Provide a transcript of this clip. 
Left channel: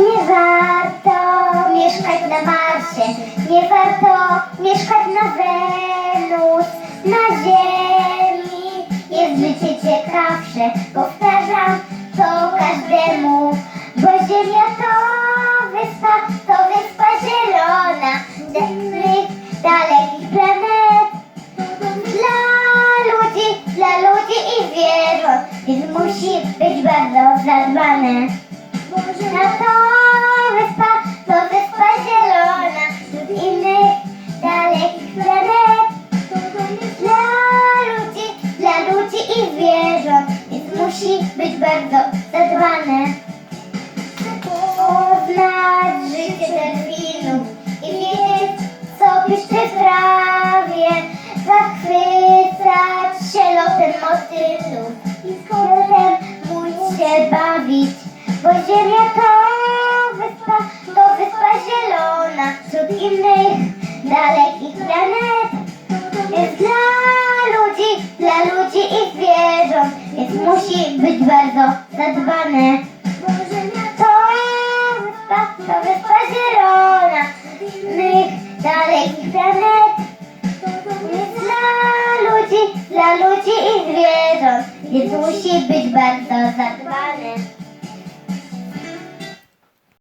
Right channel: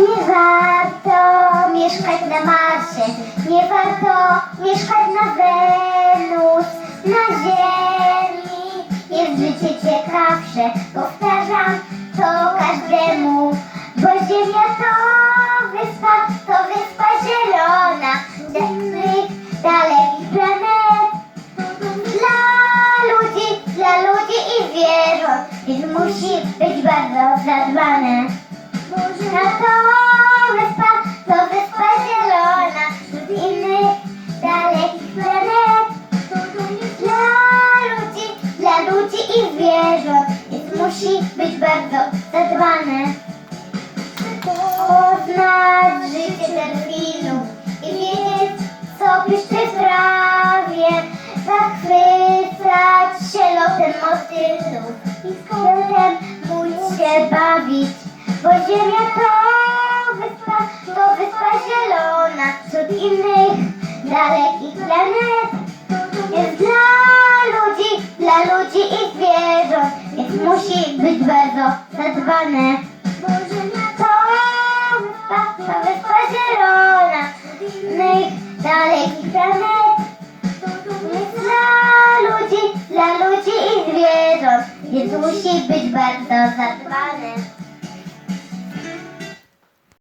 Nie warto mieszkać na Marsie, nie warto mieszkać na Wenus, na Ziemi. Jest życie ciekawsze, powtarzam to każdemu, bo Ziemia to wyspa, to wyspa zielona, dekryk dalekich planet. Dla ludzi, dla ludzi i zwierząt, więc musi być bardzo zadbane. Musi być bardzo zadbane. Poznać życie delfinów i wiedzieć, co piszczy w trawie. Zachwycać się lotem motylów i z kątem móc się bawić. Bo ziemia to wyspa, to wyspa zielona wśród innych dalekich planet. Musi być bardzo zadbane. To wyspa, to wyspa zielona innych dalekich planet. Dla ludzi, dla ludzi i zwierząt, więc musi być bardzo zadbane.